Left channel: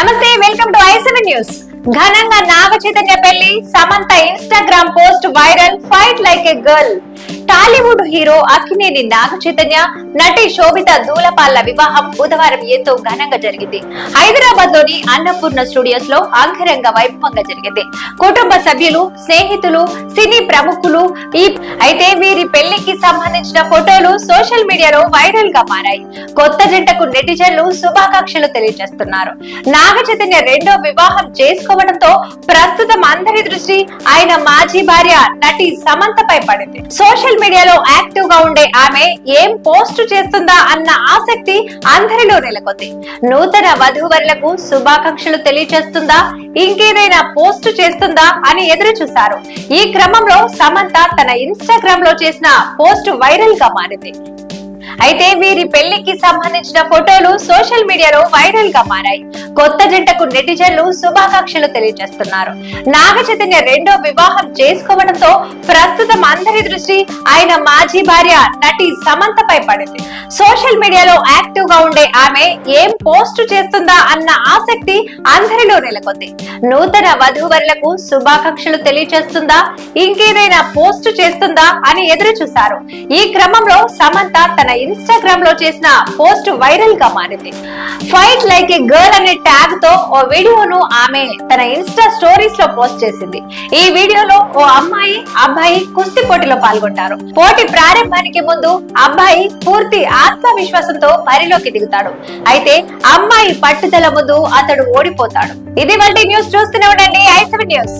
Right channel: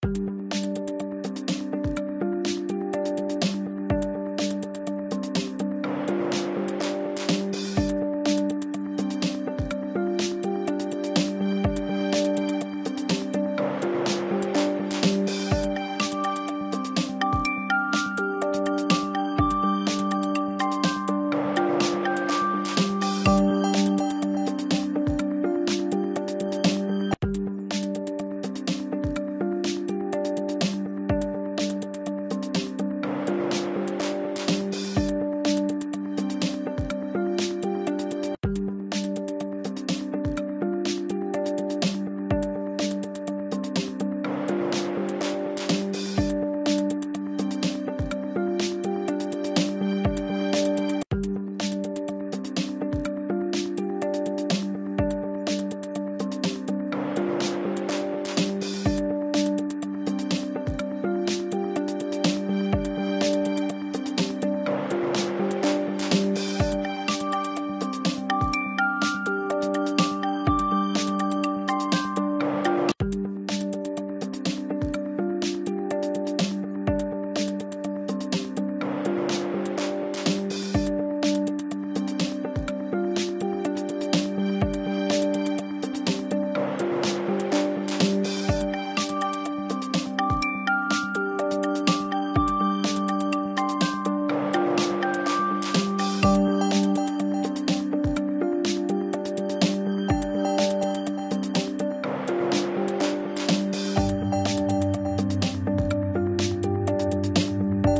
నమస్తే welcome to i7 news. ఘనంగా నాగ చైతన్య పెళ్లి, Samantha Instagram post viral, fight like a girl. Tollywood hero Akkineni Naga Chaitanya, నటి శోభిత దూలపాళ్ల వివాహం బుధవారం ఎంతో ఘనంగా జరిగింది. హైదరాబాద్ లోని అన్నపూర్ణ స్టూడియోస్ లో అంగరంగ వైభవంగా జరిగింది. కుటుంబ సభ్యులు, స్నేహితులు, సినీ ప్రముఖులు అయితే వీరి పెళ్లికి సంబంధించిన ఫోటోలు సోషల్ మీడియాలో వైరల్ గా మారాయి. కొత్త జంటకు నెటిజన్లు శుభాకాంక్షలు తెలియజేస్తున్నారు. నాగ చైతన్య రెండో వివాహం చేసుకోవడంతో ప్రస్తుతం అందరి దృష్టి ఆయన మాజీ భార్య నటి సమంతపై పడింది. సోషల్ మీడియాలో యాక్టివ్ గా ఉండే ఆమె ఏం పోస్ట్ చేస్తుందా అన్న ఆసక్తి అందరిలో నెలకొంది. నూతన వధూవరులకు శుభాకాంక్షలు తెలియజేస్తుందా, ఇంకేదైనా పోస్ట్ చేస్తుందా అని ఎదురు చూశారు. ఈ క్రమంలో సమంత తన ఇన్స్టాగ్రామ్ లో చేసిన పోస్ట్ వైరల్ గా మారింది. అయితే వీరి పెళ్లికి సంబంధించిన ఫోటోలు సోషల్ మీడియాలో వైరల్ గా మారాయి. కొత్త జంటకు నెటిజన్లు శుభాకాంక్షలు తెలియజేస్తున్నారు. నాగ చైతన్య రెండో వివాహం చేసుకోవడంతో ప్రస్తుతం అందరి దృష్టి ఆయన మాజీ భార్య నటి సమంతపై పడింది. సోషల్ మీడియాలో యాక్టివ్ గా ఉండే ఆమె ఏం పోస్ట్ చేస్తుందా అన్న ఆసక్తి అందరిలో నెలకొంది. నూతన వధూవరులకు శుభాకాంక్షలు తెలియజేస్తుందా, ఇంకేదైనా పోస్ట్ చేస్తుందా అని ఎదురు చూశారు. ఈ క్రమంలో సమంత తన ఇన్స్టాగ్రామ్ లో చేసిన పోస్ట్ వైరల్ గా మారింది. ఫైట్ లైక్ ఏ గర్ల్ అనే ట్యాగ్ తో ఓ వీడియోను ఆమె తన ఇన్స్టా స్టోరీస్ లో పోస్ట్ చేసింది. ఈ వీడియోలో ఓ అమ్మాయి, అబ్బాయి కుస్తీ పోటీలో పాల్గొంటారు. పోటీ ప్రారంభానికి ముందు అబ్బాయి పూర్తి ఆత్మవిశ్వాసంతో బరిలోకి దిగుతాడు. అయితే అమ్మాయి పట్టుదల ముందు అతడు ఓడిపోతాడు. ఇది వంటి న్యూస్ చూస్తూనే ఉండండి i7 న్యూస్.